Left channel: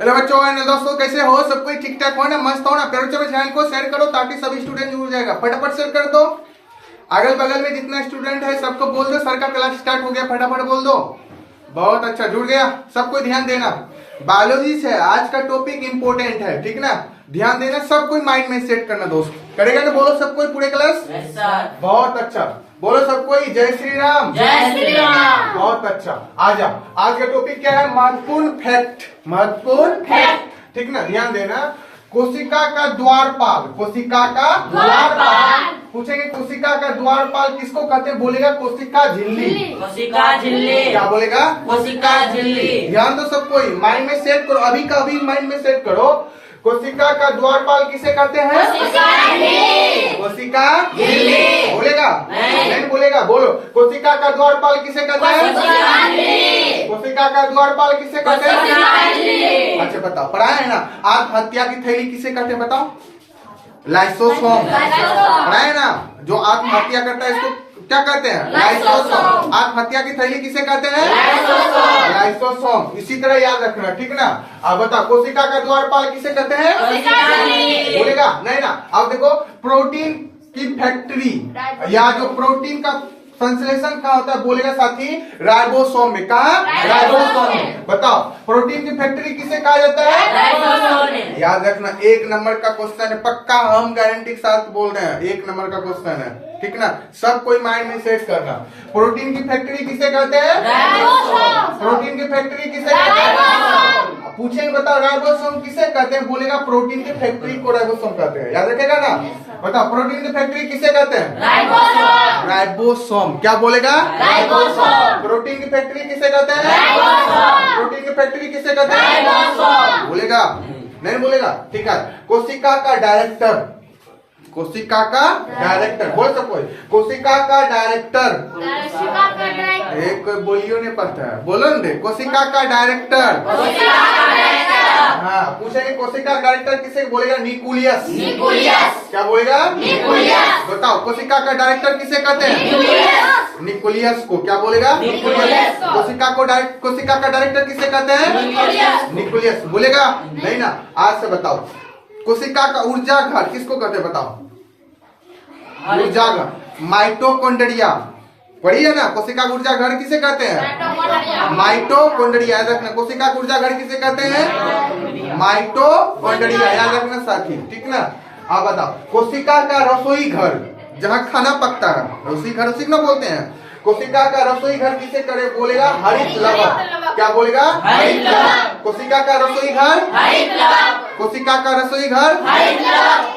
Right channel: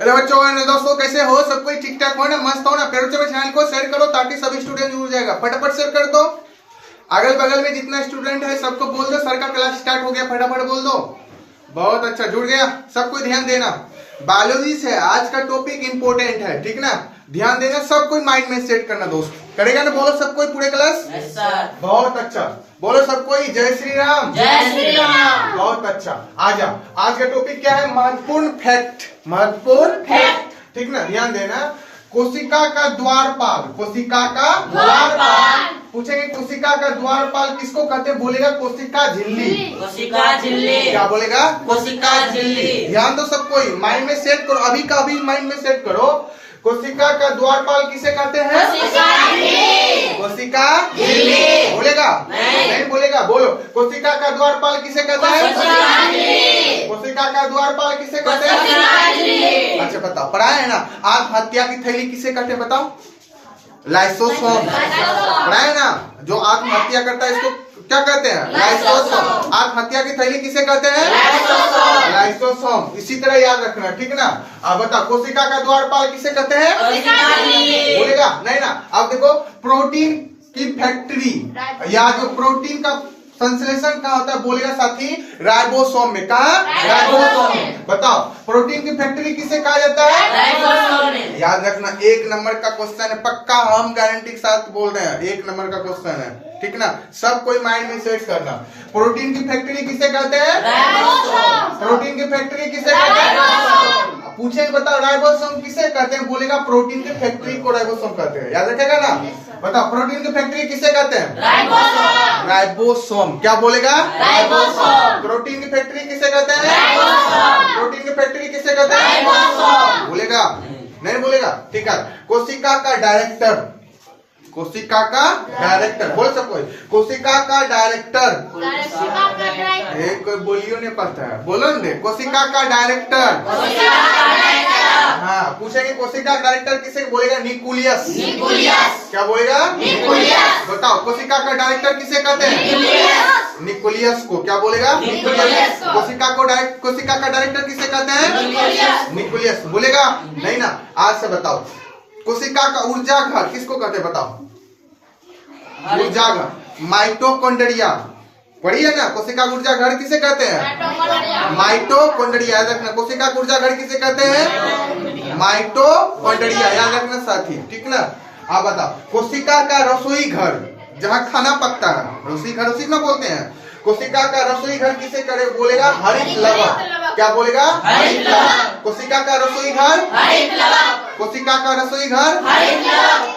Hello बच्चों and दोस्तों, कैसे हो? सब कोई ठीक ठाक हो ना? मस्त हो ना? प्यारे बच्चों चैनल को शेयर करो ताकि सभी स्टूडेंट जुड़ जाएगा। फटाफट शेयर कर दो। अगल बगल में जितना स्टूडेंट है सबको बोल दो सर का क्लास स्टार्ट हो गया, फटाफट बोल दो। बहुत अच्छा, जुड़ गया। सब कोई ध्यान देना, बायोलॉजी से आज का टॉपिक इंपोर्टेंट है, ठीक ना? ध्यान देना, सब कोई माइंड में सेट करना दोस्त। करेगा ना? बोलो सब कोई, पूरे क्लास। बहुत अच्छा, बोलो सब कोई जय श्री राम। जय श्री राम। बहुत अच्छा। आजा, आज का टॉपिक क्या है? महत्वपूर्ण फैक्ट। महत्वपूर्ण फैक्ट, ठीक ना? ध्यान देना। कोशिका का द्वारपाल, कोशिका का द्वारपाल। पूछेंगे कोशिका का द्वारपाल किसको कहते हैं? बोलेगा कोशिका झिल्ली। कोशिका झिल्ली। क्या बोलेगा? कोशिका झिल्ली। ध्यान दो सब कोई, माइंड में सेट करो, अभी का अभी माइंड में सेट करो। कोशिका का द्वारपाल किसे कहते हैं? कोशिका झिल्ली। कोशिका झिल्ली। बोलेगा? नहीं बोलेगा, बोलो। कोशिका का द्वारपाल किसे कहते हैं? कोशिका झिल्ली। कोशिका का द्वारपाल किसे कहते हैं? कोशिका झिल्ली। अच्छा बताओ, पढ़ा है ना? आत्महत्या की थैली किसे कहते हैं? बताओ। लाइसोसोम। पढ़ा है ना? जो आत्महत्या करता है इसको क्या कहते हैं? लाइसोसोम। आत्महत्या की थैली किसे कहते हैं? लाइसोसोम। इसी तरह याद रखना, ठीक ना? अब बताओ, कोशिका का द्वारपाल किसे कहते हैं? बोलेगा? नहीं ना। अब देखो, प्रोटीन की फैक्ट्री या जो प्रोटीन का संश्लेषण कहाँ होता है? बोलेगा साथी, राइबोसोम में। कहा? राइबोसोम में। बताओ, प्रोटीन की फैक्ट्री किसे कहा जाता है? याद रखना, 1 नंबर का क्वेश्चन है, पक्का हम गारंटी के साथ बोल रहे हैं, 1 नंबर का क्वेश्चन है, ठीक ना? सब कोई माइंड में सेट करना। प्रोटीन की फैक्ट्री किसे कहते हैं? प्रोटीन की फैक्ट्री किसे कहते हैं? पूछेंगे, बताओ राइबोसोम किसे कहते हैं? बोलेगा प्रोटीन की फैक्ट्री को राइबोसोम कहते हैं। याद रखेगा ना? बताओ, प्रोटीन की फैक्ट्री किसे कहते हैं? राइबोसोम। क्या बोलेगा? राइबोसोम। प्रोटीन की फैक्ट्री किसे कहते हैं? प्रोटीन की फैक्ट्री किसे कहते हैं? बोलेगा? नहीं बोलेगा, ठीक है। कोशिका का डायरेक्टर, कोशिका का डायरेक्टर, बोल सको। कोशिका का डायरेक्टर, एक कोई बोलियो नहीं पता है, बोलो ना। कोशिका का डायरेक्टर। हाँ, पूछेंगे कोशिका का डायरेक्टर किसे बोलेगा? न्यूक्लियस। क्या बोलेगा? बताओ, कोशिका का डायरेक्टर किसे कहते हैं? न्यूक्लियस को। क्या बोलेगा? कोशिका का डायरेक्टर किसे कहते हैं? न्यूक्लियस। बोलेगा? नहीं ना। आज से बताओ, कोशिका का ऊर्जा घर किसको कहते हैं? बताओ। ऊर्जा घर, माइटोकॉन्ड्रिया। पढ़िए ना, कोशिका ऊर्जा घर किसे कहते हैं? माइटोकॉन्ड्रिया। याद रखना, कोशिका ऊर्जा घर किसे कहते हैं? माइटोकॉन्ड्रिया। याद रखना साथी, ठीक ना? अब बताओ, कोशिका का रसोई घर, जहाँ खाना पकता है, रसोई घर उसी ना बोलते हैं। कोशिका का रसोई घर किसे करे? बोलेगा हरित लवक। क्या बोलेगा? हरित लवक। कोशिका का रसोई घर, कोशिका का रसोई घर,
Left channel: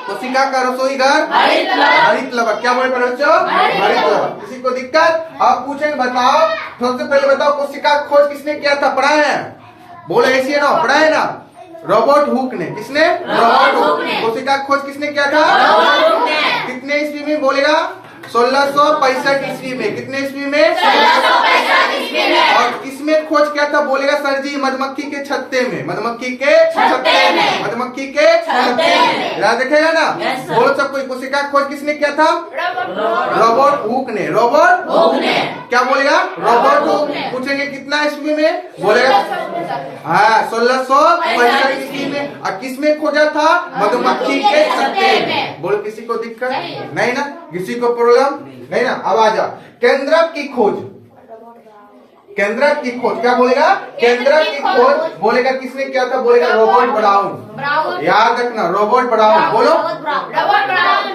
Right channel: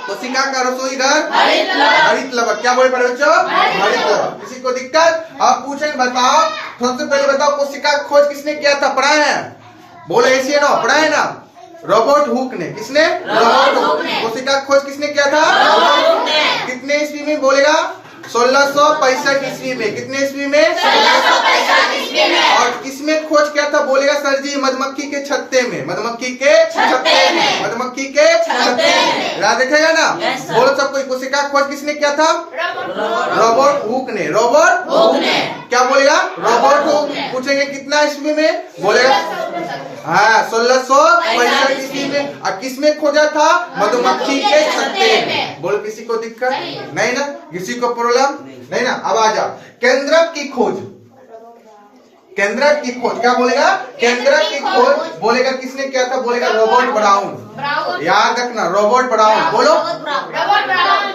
कोशिका का रसोई घर हरित लवक। क्या बोले बच्चों? हरित लवक। किसी को दिक्कत? अब पूछेंगे, बताओ, सबसे पहले बताओ, कोशिका का खोज किसने किया था? पढ़ा है? बोलो ऐसी है ना, पढ़ा है ना? रॉबर्ट हुक ने। किसने? रॉबर्ट हुक ने। कोशिका का खोज किसने किया था? कितने ईस्वी में? बोलेगा 1665 ईस्वी में। कितने ईस्वी में? 1665 ईस्वी में। और किसमें खोज किया था? बोलेगा सर जी, मधुमक्खी के छत्ते में। मधुमक्खी के छत्ते में। मधुमक्खी के छत्ते में। याद रखेगा ना? बोल सब कोई, कोशिका खोज किसने किया था? रॉबर्ट हुक ने। रॉबर्ट हुक ने। क्या बोलेगा? Robert Hooke. पूछेंगे कितना ईस्वी में? बोलेगा हाँ 1665 ईस्वी में। और किसमें खोजा था? मधुमक्खी के छत्ते में। बोल, किसी को दिक्कत? नहीं ना? किसी को प्रॉब्लम? नहीं ना? अब आ जा, केंद्रक की खोज। केंद्रक की खोज क्या बोलेगा? केंद्रक की खोज बोलेगा किसने किया था? बोलेगा रॉबर्ट ब्राउन। याद रखना, रॉबर्ट ब्राउन। बोलो,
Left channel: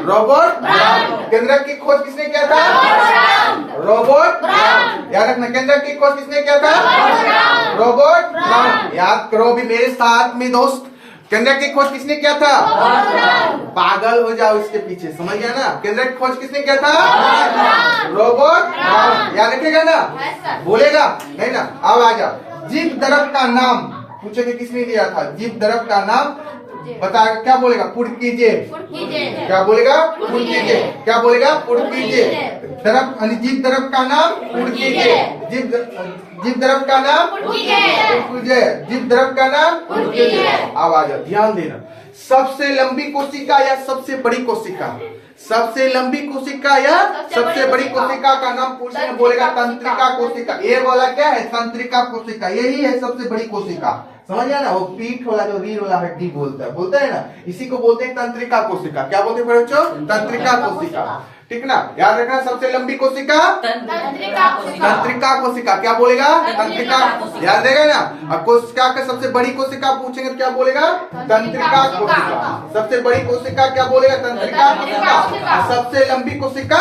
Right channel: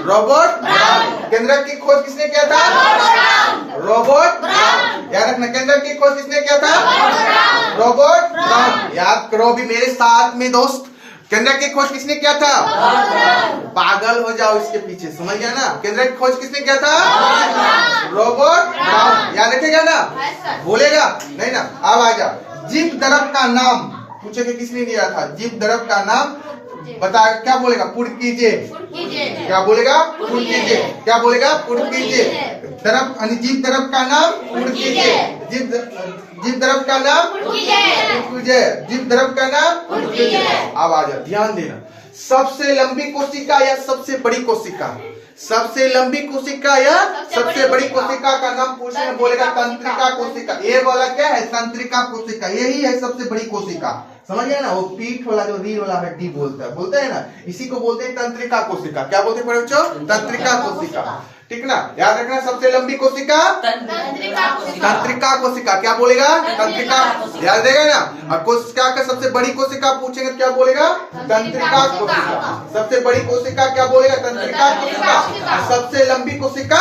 रॉबर्ट ब्राउन। केंद्रक की खोज किसने किया था? Robert brown. याद रखना, केंद्रक की खोज किसने किया था? Robert brown. याद करो भी मेरे साथ में दोस्त, केंद्रक की खोज किसने किया था? पागल हो जाओ इसके पीछे, समझ गया ना? केंद्रक की खोज किसने किया था? Robert brown. याद रखेगा ना? बोलेगा? नहीं ना? अब आ जा, जीव द्रव का नाम पूछे थे किसने दिया था? जीव द्रव का नाम बता। क्या बोलेगा? पुर्तगीजे। क्या बोलेगा? पुर्तगीजे। क्या बोलेगा? पुर्तगीजे। द्रव, जीव द्रव का नाम पुर्तगीजे। जीव द्रव का नाम पुर्तगीजे। जीव द्रव का नाम पुर्तगीजे। अब आ जा, ध्यान देना, सबसे लंबी कोशिका या सबसे बड़ी कोशिका? सबसे लंबी कोशिका या सबसे बड़ी कोशिका का नाम पूछे, बोलेगा तंत्रिका कोशिका। ये वाला क्या है? तंत्रिका कोशिका। यही है सबसे बड़ी कोशिका। समझ गया ना, वो पीठ वाला जो रीढ़ वाला हड्डी बोलता है ना, इसी को बोलते हैं तंत्रिका कोशिका। क्या बोलते हैं बच्चों? तंत्रिका कोशिका। ठीक ना, याद रखना। सबसे लंबी कोशिका तंत्रिका कोशिका। क्या बोलेगा? तंत्रिका। याद रहेगा ना। और कोशिका का सबसे बड़ी कोशिका पूछेंगे क्या बोलेगा? तंत्रिका कोशिका। सबसे बड़ी कोशिका क्या बोलेगा? तंत्रिका कोशिका। और सबसे लंबी कोशिका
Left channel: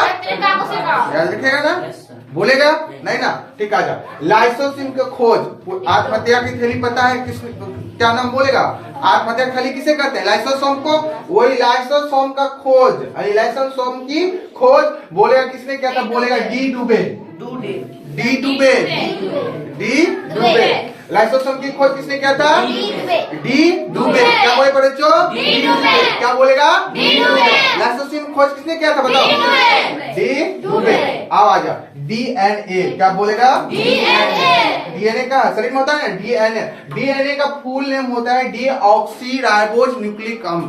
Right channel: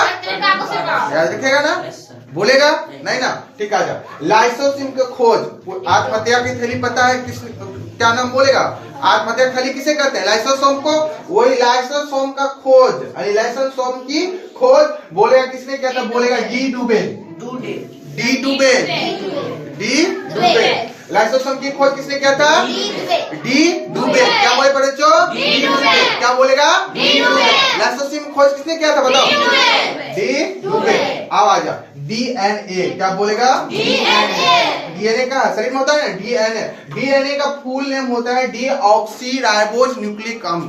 याद रखेगा ना, बोलेगा नहीं ना। ठीक, आजा। लाइसोसिम की खोज, आत्महत्या की थैली पता है किस, क्या नाम बोलेगा? आत्महत्या थैली किसे कहते हैं? लाइसोसोम को। वही लाइसोसोम का खोज, लाइसोसोम की खोज बोलेगा किसने किया था? बोलेगा डी डुबे। डी डुबे। लाइसोसोम की खोज किसने किया था? डी डुबे। क्या बोले बच्चों? क्या बोलेगा? लाइसोसोम की खोज किसने किया था? बताओ। डी डुबे। आओ आजा। डीएनए क्या बोलेगा? डीएनए का शरीर में होता है ना, डीएनए। डीएनए का फुल नेम होता है डीऑक्सी राइबोज न्यूक्लिक अम्ल।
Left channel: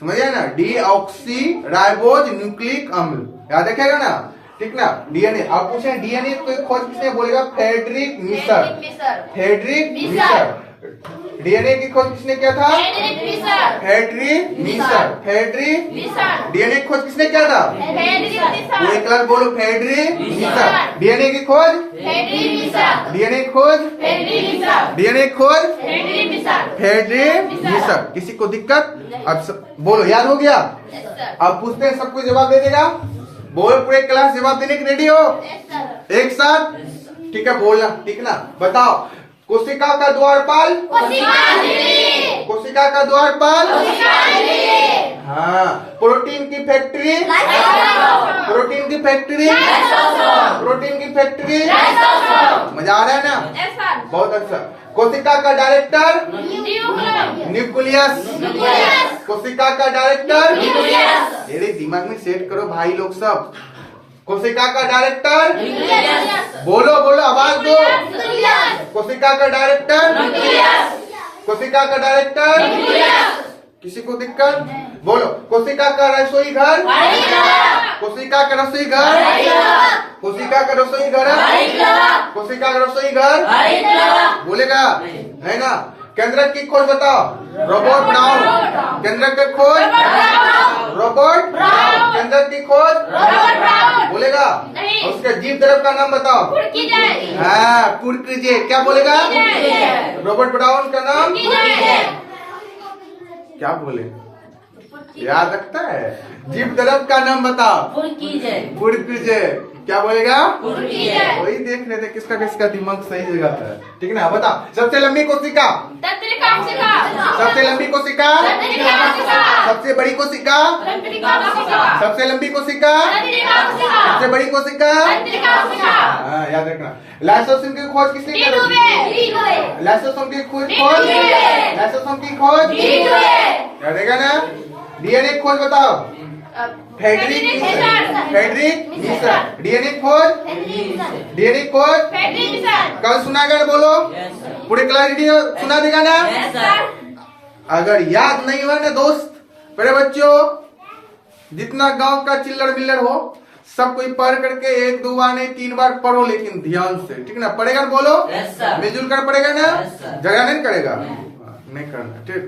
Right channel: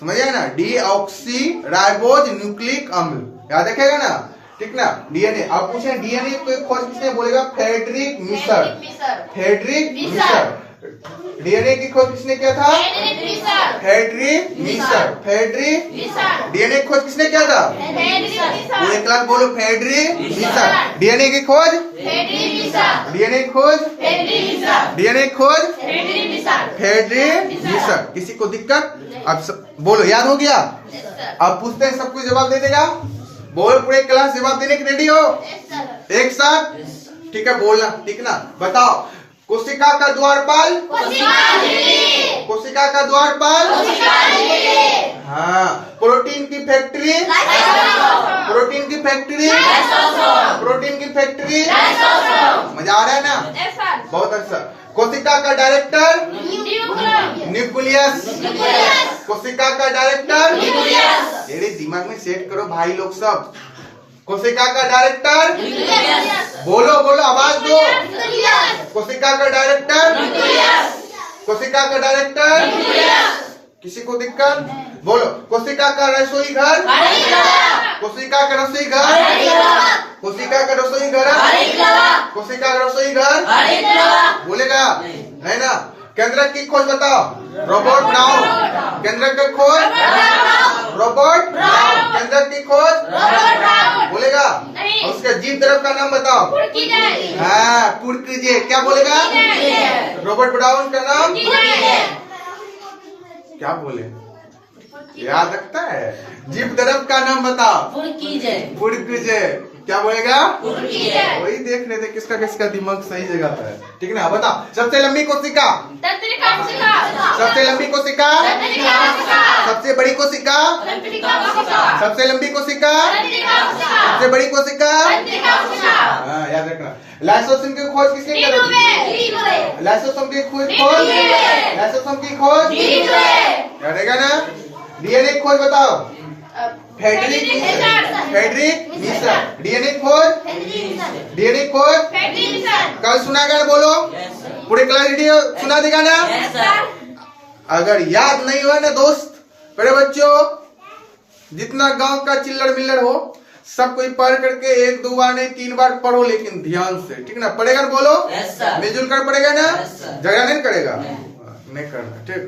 समझिए ना, डीऑक्सी राइबोज न्यूक्लिक अम्ल। याद रखेगा ना। ठीक ना, डीएनए। आप पूछे डीएनए की खोज किसने? बोलेगा Friedrich Miescher. Friedrich Miescher. DNA की खोज किसने किया था? Frederick Miescher. फ्रेडरिक डीएनए की खोज किसने किया था? पूरे क्लास बोलो फ्रेडरिक मिशर। डीएनए की खोज डीएनए की खोज डीएनए की खोज फ्रेडरिक मिशर। किसी को दिक्कत? अब बोलो, याद हो गया? अब पूछते हैं, सब कुछ जवाब दे देगा? बोलो, पूरे क्लास जवाब देने की रेडी हो? एक साथ। ठीक है, बोलना। ठीक ना, बताओ। कोशिका का द्वारपाल। कोशिका का द्वारपाल। हाँ। प्रोटीन की फैक्ट्री। प्रोटीन की फैक्ट्री। प्रोटीन की फैक्ट्री। मजा आ रहा है ना? बहुत अच्छा। कोशिका का डायरेक्टर। न्यूक्लियस। कोशिका का डायरेक्टर। मेरे दिमाग में सेट करो भाई लोग सब। कोशिका का डायरेक्टर। बोलो बोलो, आवाज दो। कोशिका का डायरेक्टर। कोशिका का डायरेक्टर। किसी को दिक्कत? बोलो। कोशिका का रसोई घर। कोशिका का रसोई घर। कोशिका का रसोई घर। कोशिका का रसोई घर। बोलेगा नहीं ना। केंद्रक की खोज बताओ। Robot now. केंद्रक की खोज रोबोट नाउ। केंद्रक की खोज बोलेगा। उसका जीव द्रव का नाम बताओ। हाँ, पुरकीजे। क्या बोलेगा? रोबोट ब्राउन का नाम क्या बोले? याद रखता है? जीव द्रव का नाम बताओ। पुरकीजे। क्या बोलेगा? वही देख रहे थे किसका किसका दिमाग सही जगह पर है। ठीक ना, बताओ। सबसे लंबी कोशिका। सबसे लंबी कोशिका। सबसे बड़ी कोशिका। सबसे लंबी कोशिका। सबसे बड़ी कोशिका। हाँ, याद रखना। लाइसोसोम की खोज किसने की? लाइसोसोम की खोज लाइसोसोम की खोज याद रहेगा ना। डीएनए की खोज बताओ। Friedrich Miescher. डीएनए खोज डीएनए खोज कल सुना गया? बोलो, पूरे क्लास वीडियो सुना देगा ना? अगर याद नहीं हुआ ना दोस्त, बड़े बच्चों, जितना गांव का चिल्लड़ मिल्लड़ हो सब कोई पढ़ करके 1 2 बार नहीं 3 बार पढ़ो, लेकिन ध्यान से। ठीक ना, पढ़ेगा? बोलो, मिलजुल कर पढ़ेगा ना? झगड़ा नहीं करेगा? नहीं करना। ठीक।